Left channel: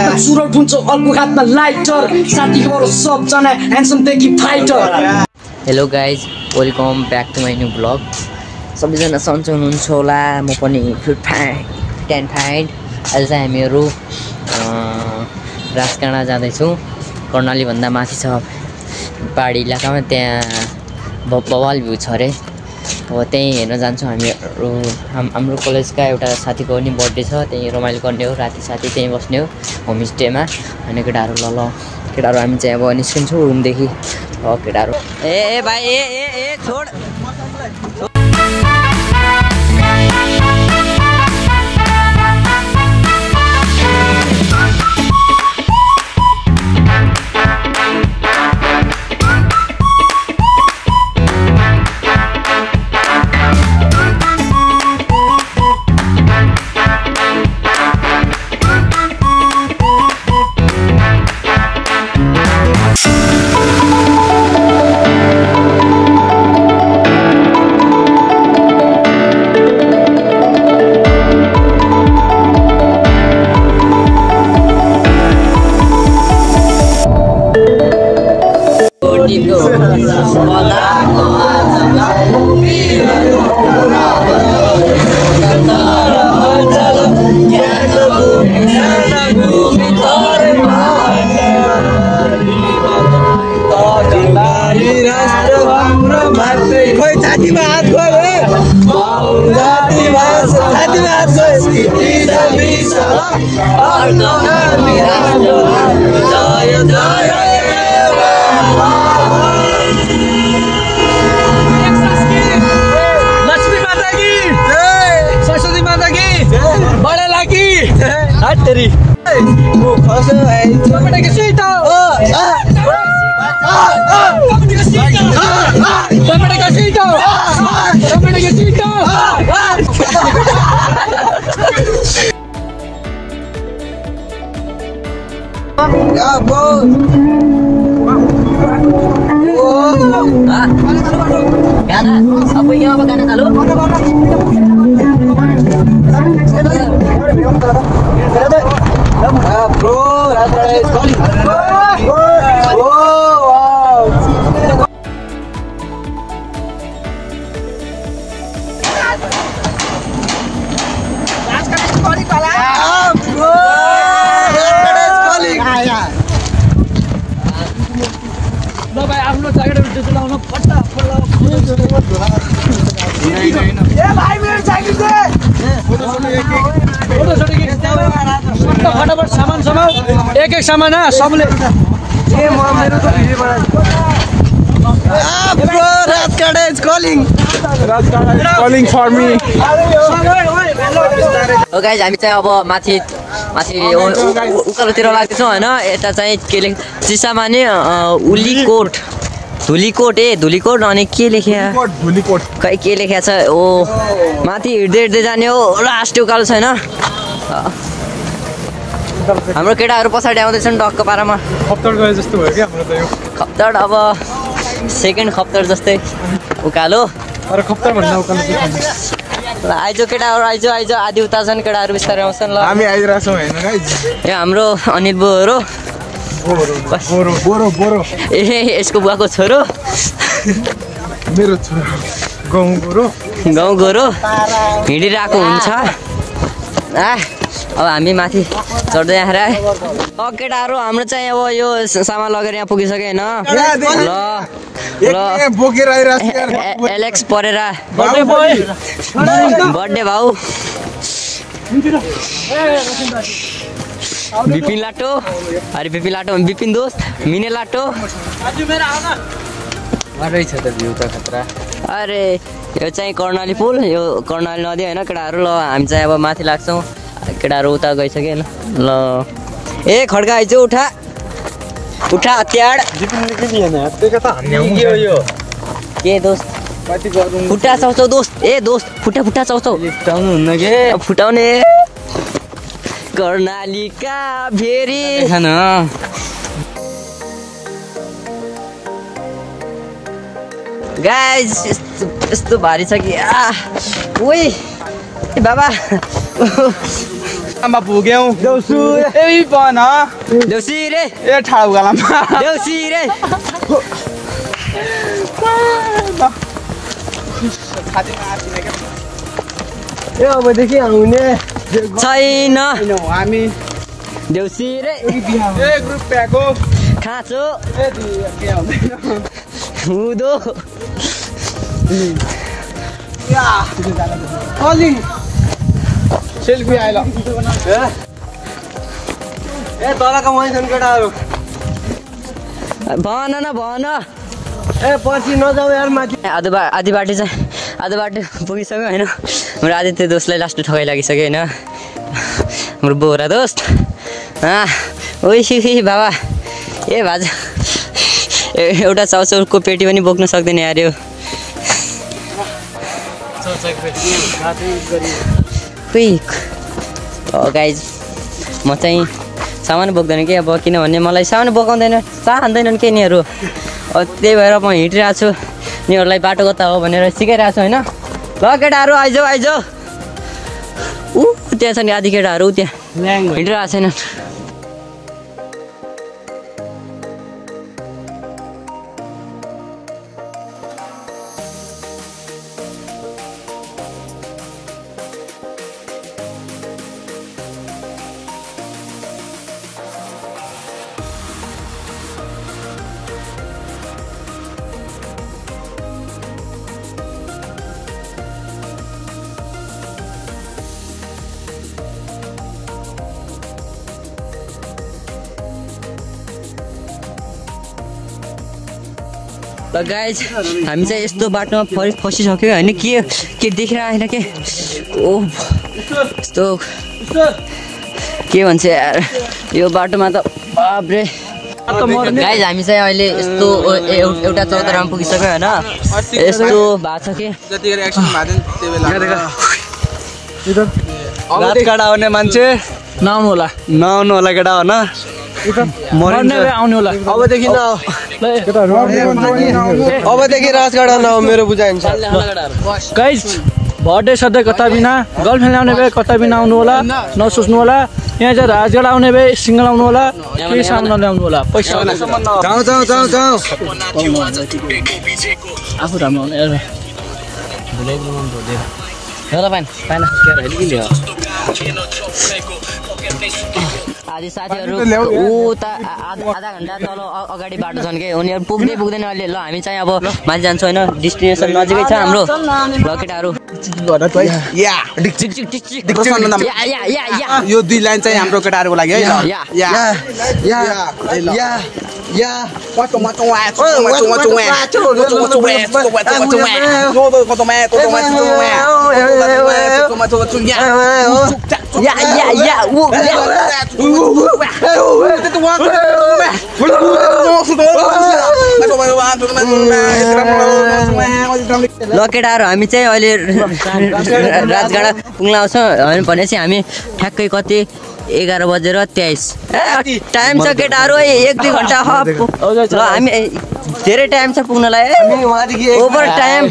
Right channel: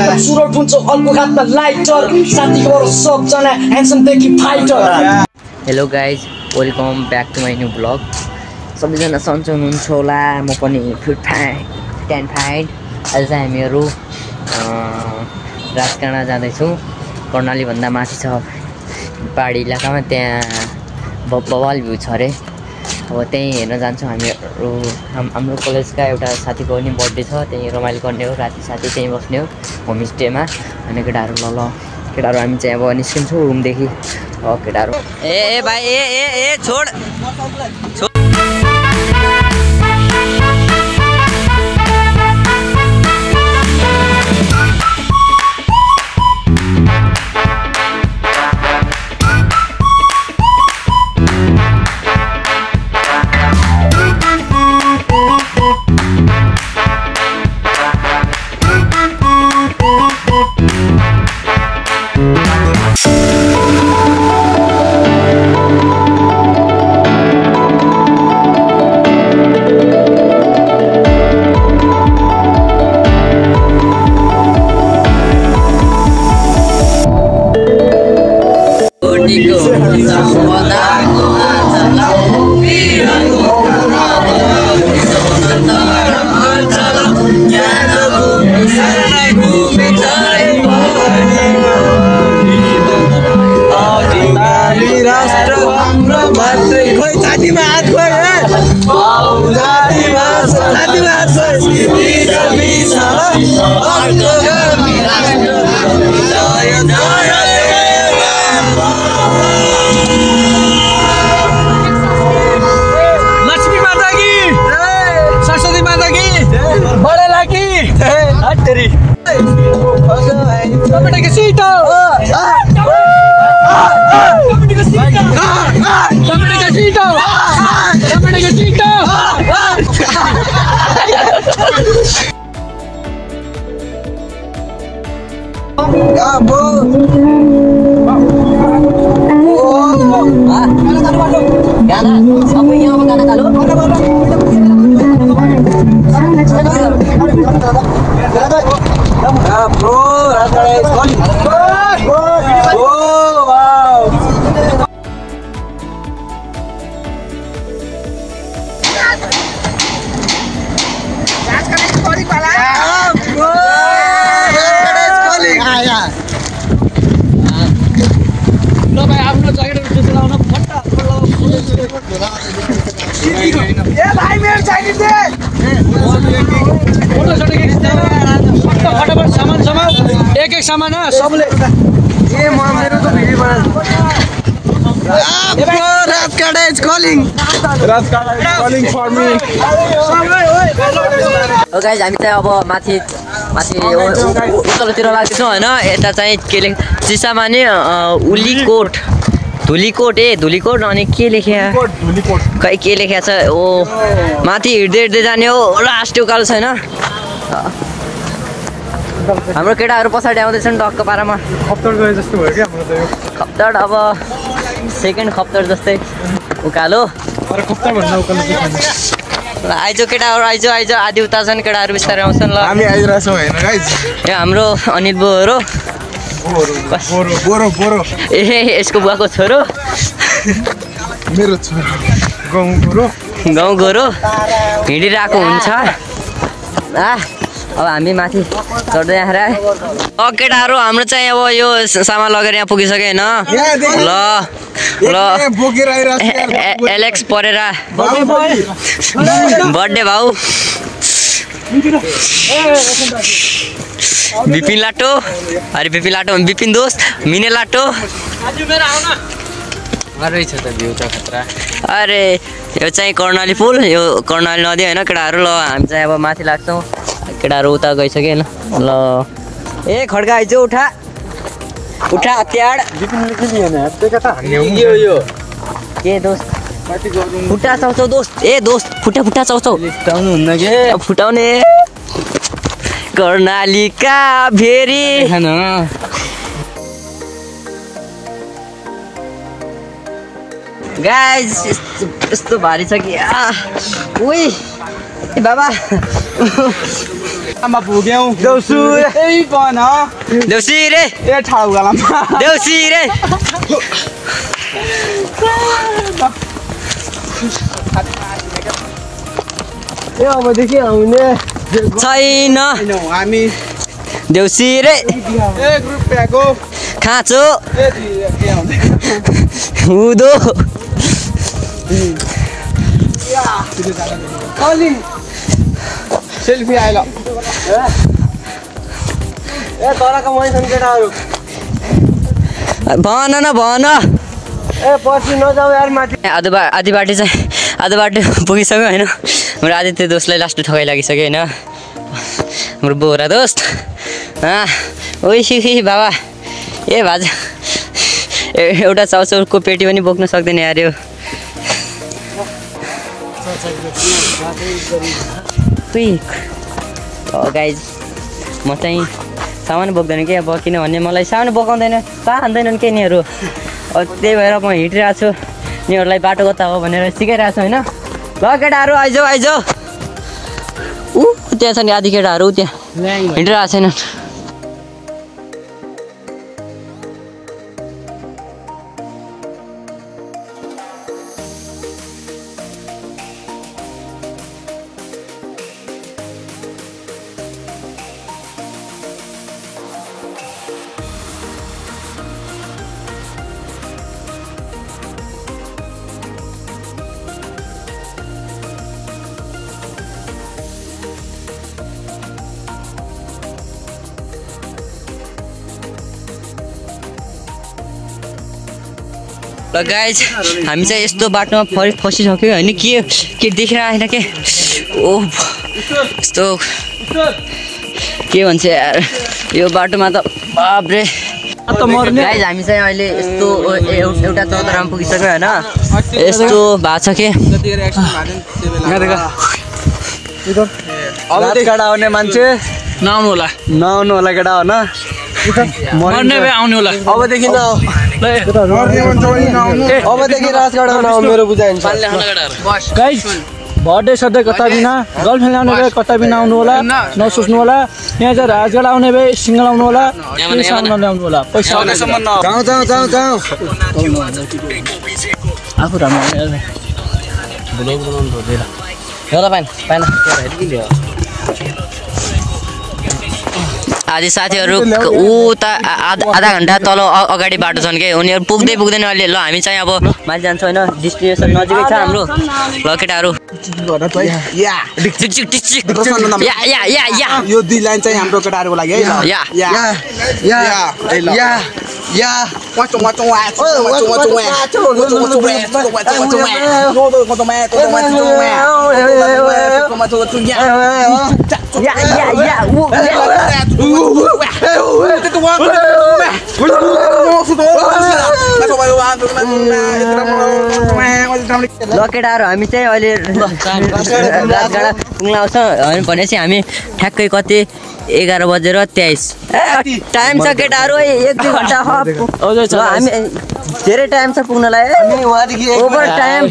चुरोट हुन्छ अर्को हातमा लाइटर साथीको सबजना ह्यान्डसम देखि fighter. Hello guys, welcome back to my new blog. सबैजना सन्चो हुनुहुन्छ होला, म पनि फाइन। आज चाहिँ हामीहरू राजकाँडा जाँदैछौँ। कर्णालीभन्दा माथि छ पहाडी इलाकामा, त्यहाँ बवाल भ्यू छ अरे। अब त्यहीँ हेर्न जान्छौँ हामीहरू। हाम्रो कलेजका एउटा साथीको पनि बर्थडे छ, त्यहीँ रमाइलो गर्ने हो। राति साथी त्यहीँ बस्ने हो होमस्टेमा। अनि केटाहरू ल केटाहरू हामी चाहिँ अब निस्किन्छौँ रुमदेखि। केटाहरू ए भाइ ए छोड एक सामान सबले मेरो त भिडियो राजकाँडा is calling for me. Guys हामी चाहिँ अब माथि उत्तरतिर लाग्दैछौँ होइन। यता चाहिँ के लेख चिसामा नि धुलीकोट अनि के लेख्या खै के लेख्या छ। ओ माथि हिँड्दै जाने हो। लास्ट उकालो छैन। हाम्रो केटाहरू पछाडि आउँदैछन् डक्क पारामा। खप्तड अब सेकेन्ड खप्तड जस्तै उकालो। आइज केटाहरू आइज आधी उता छन् केटाहरू बिस्तारै आउँछन्। ल हामी आइरहेछौँ हैन गाइज। ए हाम्रो अनिल बोरो ए यसको बुवाको छोरो मेरो छोरो गाउँ गोरो हिँडिरहेको हुन्छ। अब हामी माथि चढ्दै आएर केटाहरू हाम्रो चाहिँ अब यो सामान लगेर यहाँ पुगिसक्यो होइन। ल एलेक्स परेरा बर्थडे भाउ विपिन लाटो विपिन दोस्त मिने लाटो। अरे यो चाहिँ कर्णाली पुल, यो कर्णाली नदी होइन केटाहरू। ल हामी चाहिँ अब माथि लाग्छौँ। केटाहरू उता गइसक्यो ल। ए खड्का आइज उठा हतियार के दोस्त फुट्टा चाउँछौ दोस्त। ए दोस्त फुट्टा चाउँछौ फुटाउनुहुन्न के फुटाउने कर्णालीका भेरी गाइज। यस्तो भारी छ कि ओइ बाबा आमा भुग्यौ देउसु ए बन देउसी रे ए ठाउ गलामा देउसी रे ए अबदेखि आउने छैन हामी देउसी रे ए ग्रुप प्याको खाँचो ए के हुन्छ हुँदो कलिङ सेल्फी आइल ए तलको मैसन केटाहरु भन न भन ए पछि नजाऊ यार माथि आधी बाटो पुगिसक्यो होइन हाम्रो आदित्य दोस्तलाई लास्ट ठगाइ लागिसक्यो होइन हाम्रो बोरा दोस्त ओइ बाबा ए भाज एउटा चाउचाउको पेटी पनि बोक्न सक्दैन यार यो गाइज म चाहिँ सामान बोक्दैन कि अब किनभने मलाई सामान बोकाउँदैन चाहँदैनन् के यिनीहरू त्यही भएर म हिँडिरहेको छु यिनीहरूलाई बाटो कता हो भनेर सिकाइरहेको छु होइन ल केटाहरू आइजाऊ ऊ त्यहाँ छ नि आधी केटाहरू त्यहाँ हिँडिरहेको छैन ल गाइज हामी चाहिँ यस्तो बाटोमा फसिसक्यो होइन के देखिरहेको छैन के ओ यस्तो के भन्छ यार यो बाटोमा त बाब्रे गाइज हामी चाहिँ अहिले यस्तो एउटा चौतारामा पुगिसक्यो होइन यस्तो भएको छ के केटा आउने मान्छे नआउनु होला केटा हो न मर्ने भए आउनु होला अबदेखि अबदेखि राजगढा नआउ मेरो बुझाइ गाइज बर्थडे सधैँ कता बिना गर्लफ्रेन्ड आउने भए कता बिना आउनु होला नसोच्नु होला यहाँ चाहिँ राजगढ आउने भए सिङ्गल आउनु होला केही सामान ल्याउनु होला पैसा आफू राम्रो आदि साथीहरू ऊ त आधा घन्टा तल अगाडि बाटो छन् कि उनीहरू पुग्दैन अहिले ल हामी चाहिँ अब माथि जान्छौँ होइन डेस्टिनेसन नजिकै छ हाम्रो ल केटाहरू यो दुई लाइन चाहिँ हाम्रो केटाहरूको लागि ल केटाहरू हामी चाहिँ अहिले राजगाडा पुग्न आउँछ भनेपछि हामी ठ्याक्कै कति 11:23 टाइम छ केटाहरू 1-2 घन्टा ल हामी धेरै टाइम छ पुग्नलाई ओभर टाइम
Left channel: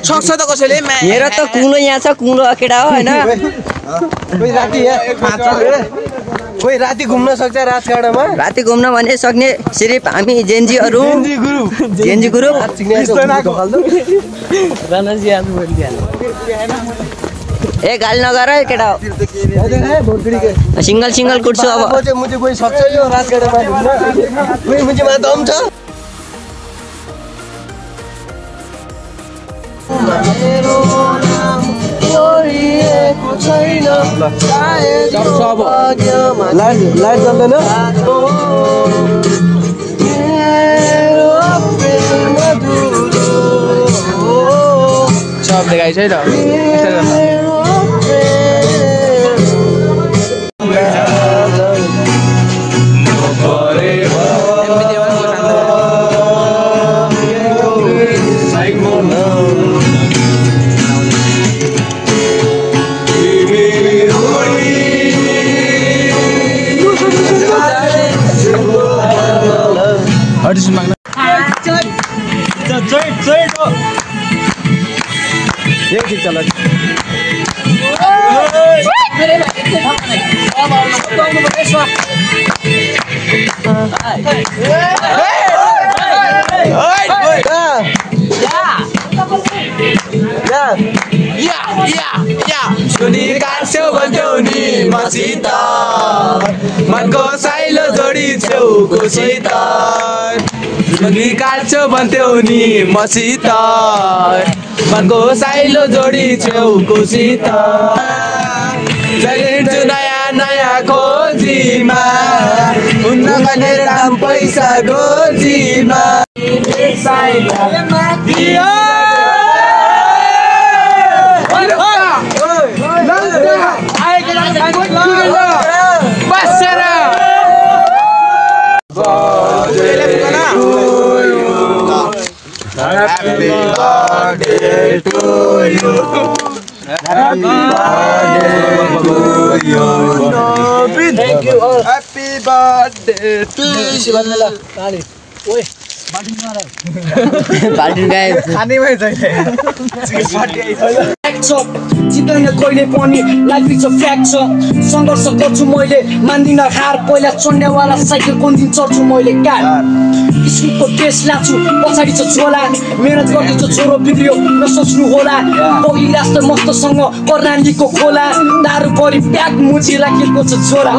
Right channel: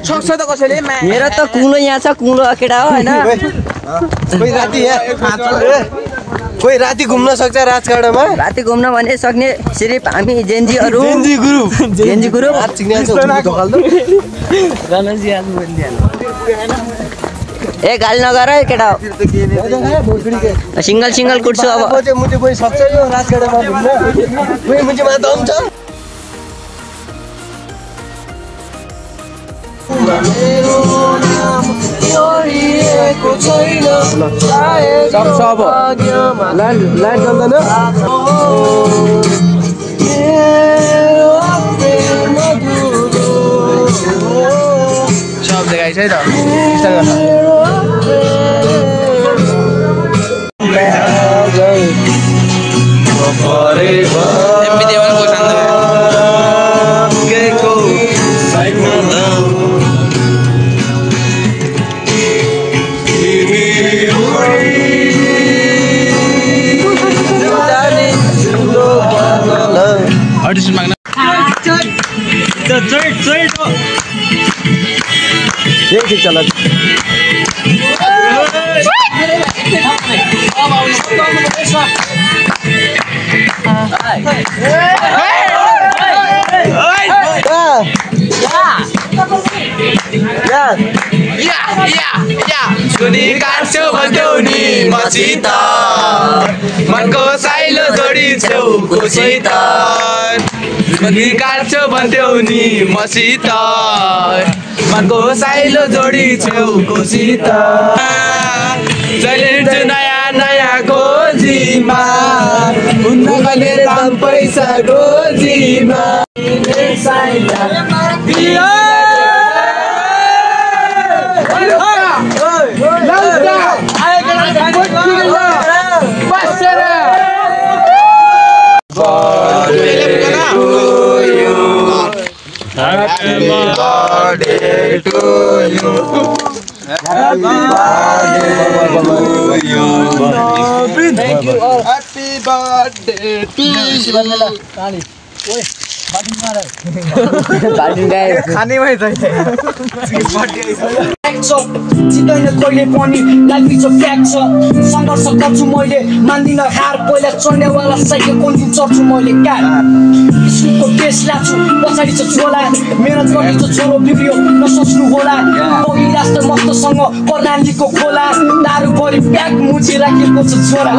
सक्छ त कसैले मेरो त कुलो यहाँ छ कुलो केटा हो होइन कोही राति घुम्न सक्छ राजगढमा राति घुम्न भने सक्ने सिर्फ हामी जेन्जीहरू जेन्जी ग्रुप ए गाली नगर है केटा सिङ्गल कुट्छु अब मुझे कोही सक्छ यो राजगढमा घुम्न कोही मुझेमा दम छ लाइट गर्दैन सब देखाइ छ त सुनी काट्छौ भन्थ्यौ नि मसित मनको साइलो जोडी छेउकोसित सुनी काट्छौ भन्थ्यौ नि मसित मनको साइलो जोडी छेउकोसित चलिन्छु नयाँ नयाँ खोजीमा हुन्न कहिले दाम पैसा गोजीमा Happy birthday to you. Happy birthday to you. Thank you all. Happy birthday to you. जित्दैन कहिले पनि लाइफ इज अ फ्याक्ट छ सङ्घर्ष गर्छु मैले मान्दिनँ हार पहिला चढ्नेवाला साइकल कुन दिन चढ्छु मैले कार स्कुलको टेस्ट लाग्छु पछाडि छ झोला मेहनत गर्दैछ छोरो बिग्रियो नसोच्नु होला बगिरा जस्तो मस्तसँग कर्णालीको खोला दारू गरी प्याक मुजी राखेको छ झोला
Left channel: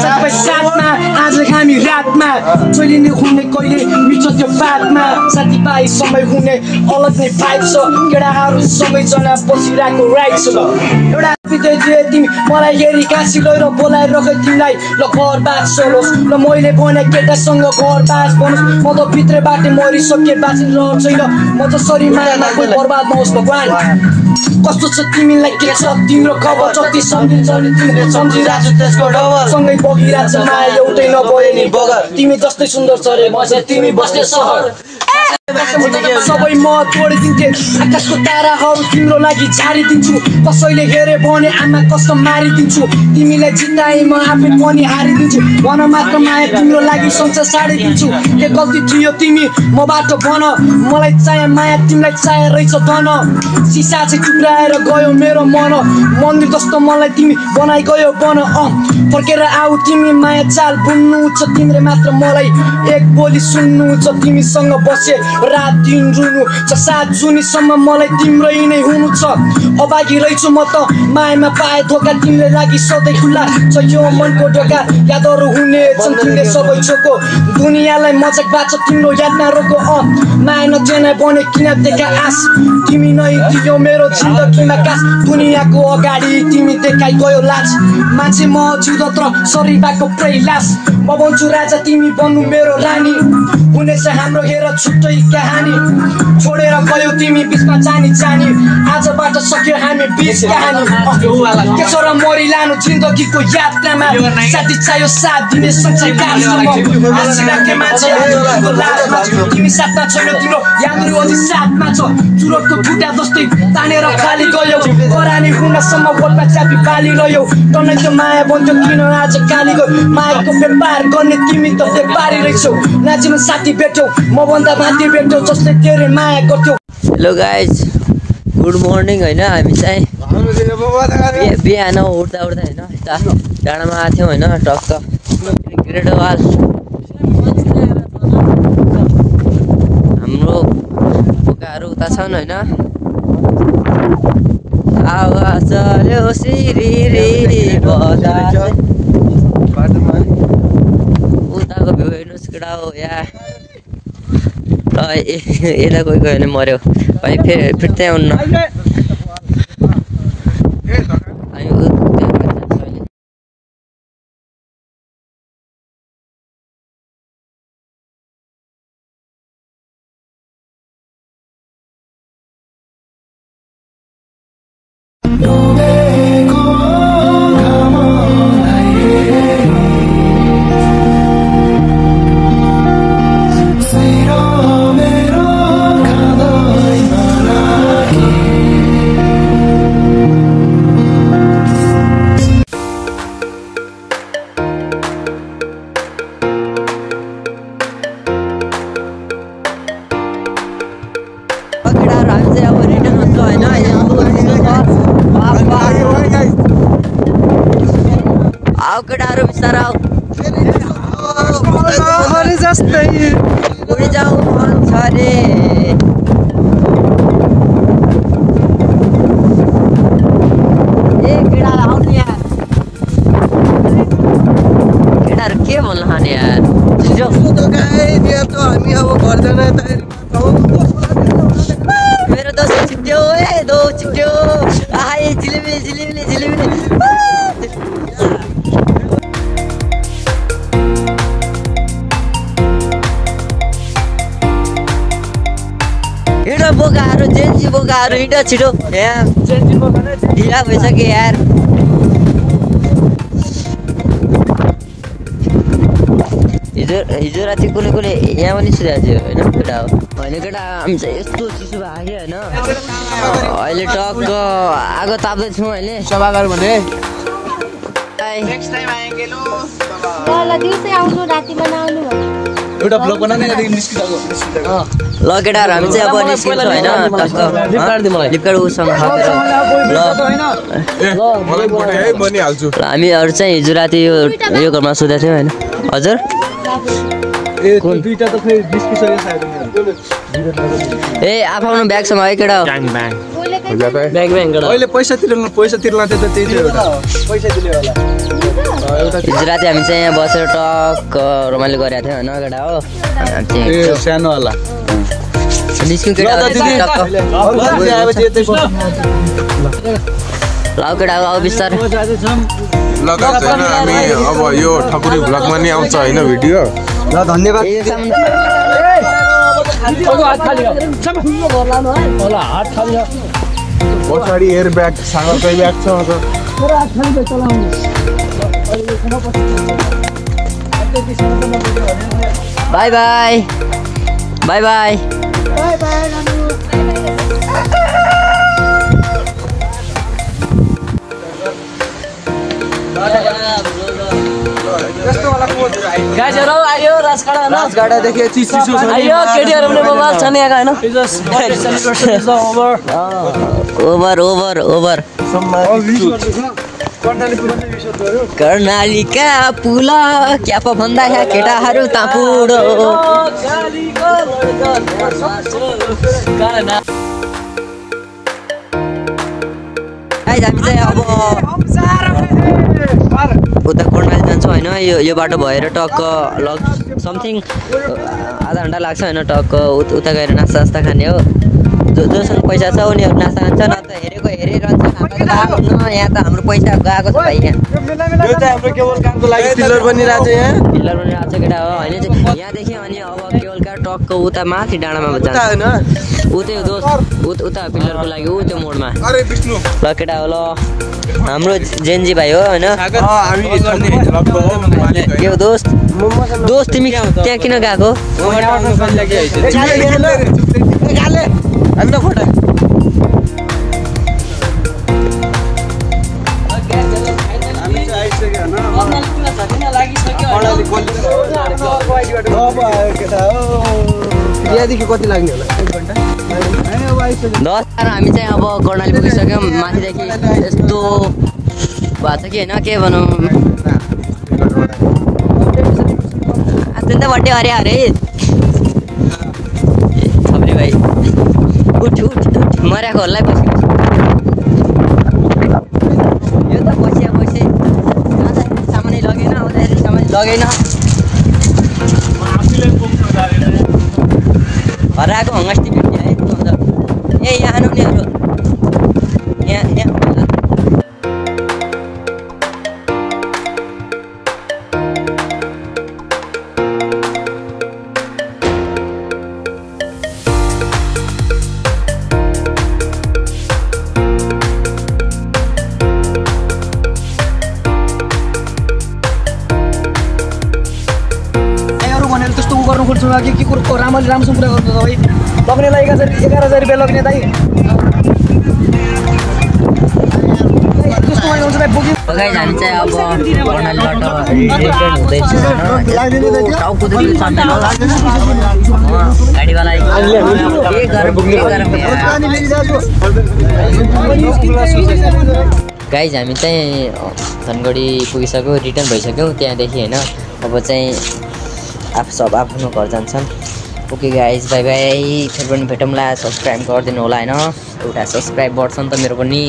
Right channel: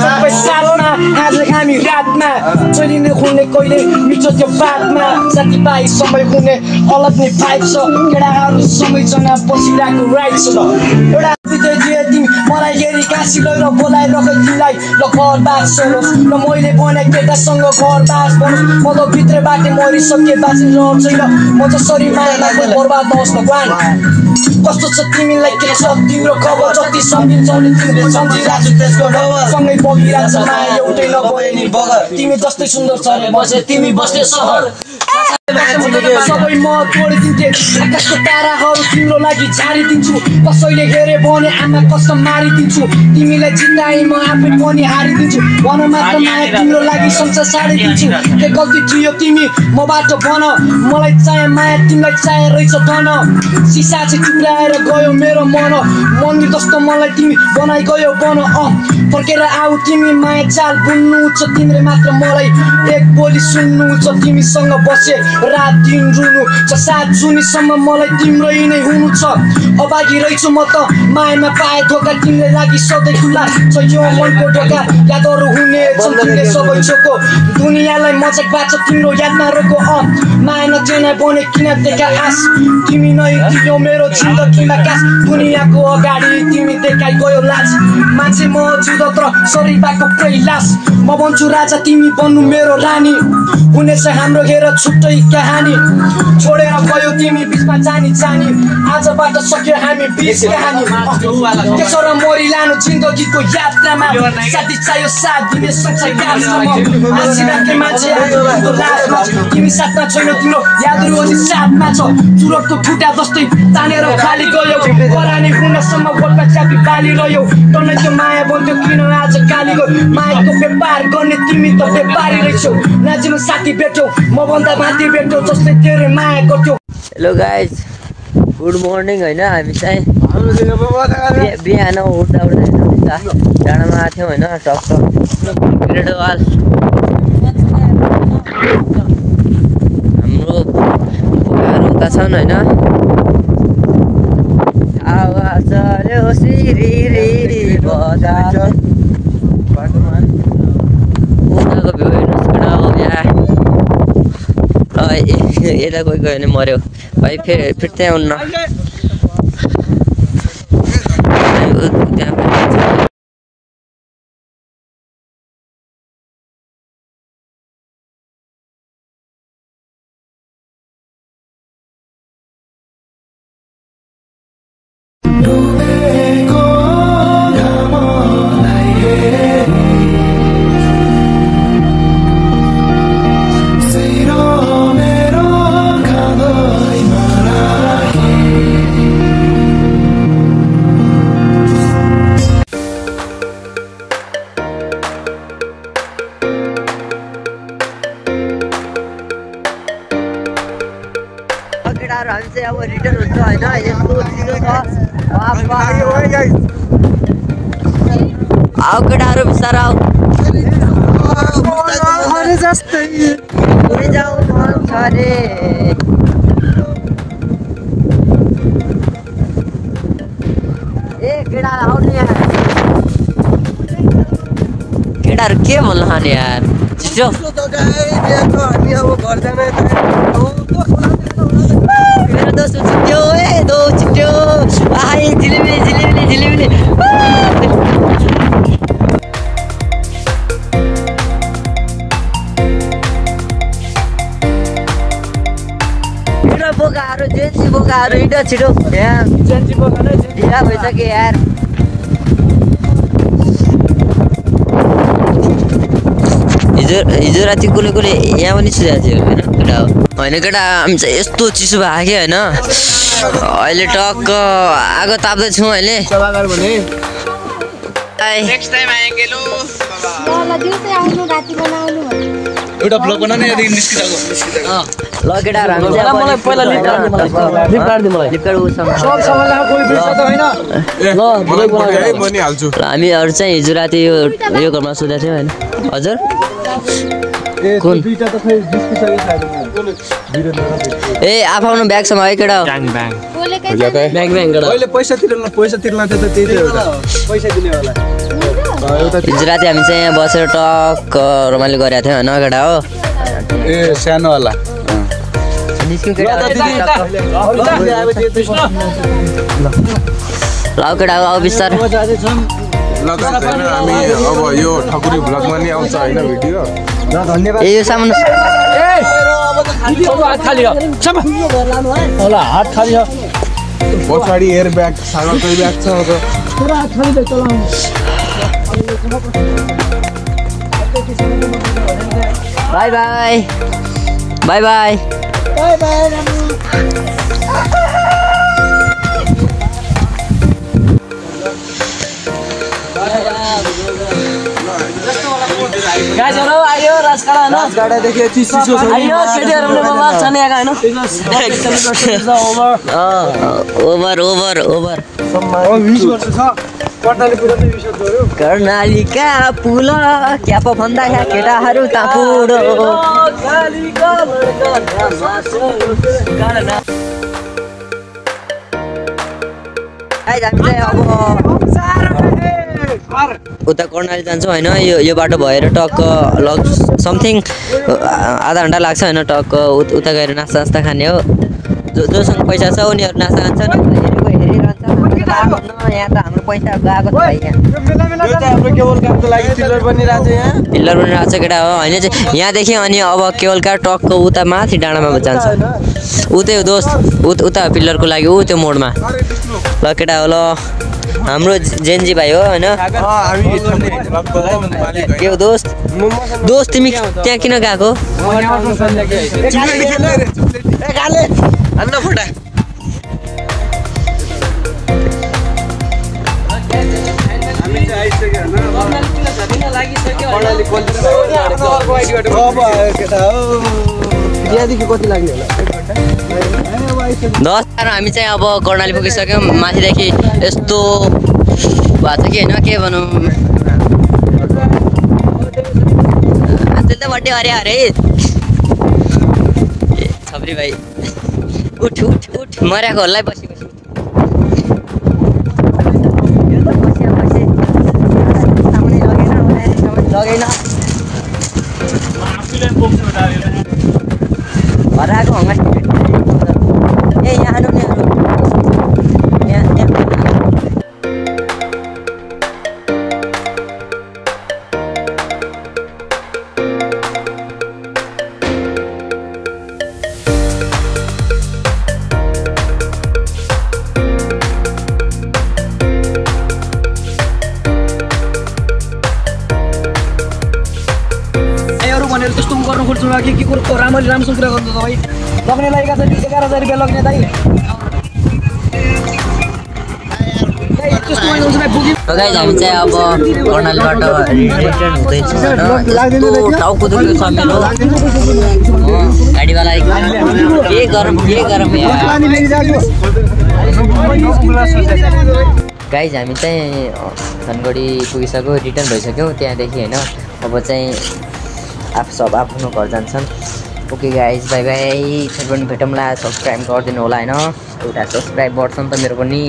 सबै साथमा आज हामी रातमा चलिने हुने कहिले मिठो त्यो बातमा साथीभाइ समय हुने अलग नै भाइब छ केटाहरू सबैजना बसिरहेको राइट छ एउटा विद्यार्थी तिमी मलाई हेरी काँसी गएर बोलाइरख तिमीलाई ल घर बास सरोस् ल मैले भने केटासँग घर बास बनोस् म त भित्रबाट मरिसके बाँच्ने रहर छैन म जसरी मायामा कोही बर्बाद नहोस् भगवान् कस्तो छ तिमीलाई के छ तिम्रो खबर जति सम्झिन्छौ नि तिमीले सम्झिरहेको छु त्यसको डबर सँगै बगिरहेको छ माया एउटै नभए नि बगर तिमी जस्तै सुन्दर छ रे बसे तिमी बस्ने सहर सबै म तोडिदिन्थे आकाशको ताराहरू तिम्रो लागि झारिदिन्छु कसैले हेरे भने आमा कसम मारिदिन्छु तिमीलाई जिताए म आफै पनि हारिदिन्छु भन मात्र माया तिम्रो लागि संसार साडिदिन्छु के गल्ती थियो तिमी मबाट भन मलाई चाहे माया तिमीलाई चाहे रहेछ धन सिसा चाहिँ टुक्राएर गयो मेरो मन मन्दिर जस्तो मलाई तिमी बनाइ गयो बन फर्केर आऊ तिमी माया चाल बुन्नु छ तिमीले मात्र मलाई एक बोली सुन्नु छ तिमीसँग बसे रात दिन रुनु छ सात जुनीसम्म मलाई तिम्रै नै हुनु छ अभागी रहेछु म त मायामा पाए धोका तिमीले लागि सधैँ खुल्ला छ यो मनको ढोका यादहरू हुने छन् तिमीले सबै छोको दुनियाँलाई मजाकबाट तिम्रो यादमा रोको माया नचेना बने किन देखा आस तिमी नै दियो मेरो जिन्दगीमा कास दुनियाँको अगाडि तिमी देखाइ गयो लाज मान्छे म जिउँदो शरीरबाट प्रैलास म भन्छु राजा तिमी बन्नु मेरो रानी हुनेछ हाम्रो हेर छुट्टै कहानी छोडेर गयो तिमी बिचमा जानी जानी आजबाट सक्यो हामी बिच कहानी त्यसो र मरि लानु जिन्दगीको यात्रामा साथी चाहियो साथ दिने संसार तिमी साथमा छैनौ तिम्रो यादहरू अझै साथमा छ चुरोटको खुट्टा जस्तै तानेर खाली गयो करानी हुनसम्म बोटमा च्यापी पाली रह्यौ तँलाई त माया भन्थ्यो किन आज काली गयो मायाको व्यापार गर्ने तिमी त व्यापारी रहेछौ नाचिनु साथी भेट्यौ म भन्दा माथि भेट्यौ जस्तै तेरो माया गर्थ्यौ। हेलो गाइज गुड मर्निङ होइन हामी चाहिँ बिहान उठ्दा उठ्दा होइन यता डाँडामा आएको थियौँ होइन टक्क ग्रेट वाल हाम्रो पोकाहरू उता छन् होइन आवाज चल्यो सिरी बदा उताको भ्यू हेर्नुहोस् केटा हो यहाँ यता कोही गयो भने मऱ्यो भाइ फेरि त्यहाँ हुन्न आऊ केटाहरू बिस्तारै आऊ जस्तै जाऊ मन छ रे ए केटा आउनु यार केटाहरू के भन्नु खाने यार छिटो मेरो दोस्त छिट्यो ए दो छिट्यो आइ जिलेबी जिलेबी जिलेबी हिँडो बोकाहरू जेन्सी बोकाहरू हिँडो छिटो यहाँ ढिला भइसक्यो यार हिजो राति कुनै कुनै यहाँ पनि सुधार्थ्यो होइन केटा हो होइन केटा हामी चाहिँ यस्तो चिसो भएको कि होइन अहिले टक्क आगो ताप्दैछौँ अहिले एउटा ब्लग बनाउने यहाँदेखि निस्किसक्यो ल केटाहरू हामी चाहिँ अब निस्किन्छ होइन हामीहरू चाहिँ हिजो राति यो घरमा सुतेको थियौँ होइन हजुर ए आफ्नो ब्यागसँग है केटा पैसा तिर्न त्यो त त्यही थियो एउटा पैसा दिने होला हिजो राति हामी चाहिँ यहाँ बसेर टक्क रमाइलो गरेको थियौँ होइन केटा हो सानो होला निस्क्यौँ केटा ल केटा हो अब बिस्तारै हामी अब यो ठकुरी भ्लगमा नि आउँछ होइन भिडियो ए यो सामान पछाडि एयर ब्याग सँगकै ब्याग छ बाई बाई बाई बाई राजगाडादेखि चिसो छ ओभर ओभर ओभर कर्णालीका पुल क्या पो भन्दा केटाहरू त पुडो उता कर्णाली जान्छौँ होइन यो बाटो भएर टक्क समथिङ आधा घन्टा लाग्छ होइन टक्क उता गएर नास्ता खाने हो जोसँग पैसा छ उनीहरू नास्ता खान्छ नि त हेरेको हेरिरहन्छ यहाँ त हाम्रो पैसा गएको छ भाइ पिल्लर बनिरहेको छ केटा हो होइन चाहिँ यहाँदेखि अनि अब केवल कार टक्क उता माथि डाँडामा जान्छ उतै दोस्त उता पिल्लरको लागि त्यो मोडमा ल केटा हो ल हाम्रो जेन्जी भाइ हो होइन के हो दोस्त तिमी त्यहाँ किन गएको कति लाग्ने हामी चाहिँ अब कर्णाली पुगिसक्यौँ माथिदेखि यस्तो भएको छ कि होइन के भनौँ अत्यन्तै बड्डे हरे हरे ए थप्री भाइ उठ उठ उठ मर्याएको होला पछि यो त पछि सामानै लगेन हराएको हङ्गास ए यहाँ आउनु नि यहाँ के कुरो राम्रोसँग कुरा गर्नु तपाईँ लग्नेलाई 11,000 रुपियाँ लग्ने दाइ गाइज हामी चाहिँ अब कर्णालीबाट रिटर्न हुँदैछौँ होइन टाउको दुख्यो छ मेरो गाडीवाला के गरम गाइज हामी चाहिँ धनगढी पुगिसक्यो, रिटर्न भइसक्यौँ त्यहाँदेखि होइन। अब चाहिँ सब आफ्नो घर जान्छन्। ओके गाइज, बाई बाई, फेरि पनि भेटौँला। सब्सक्राइब गरिदिनु होला होइन, एउटा सब्सक्राइब बढ्छ नि त मेरो पनि।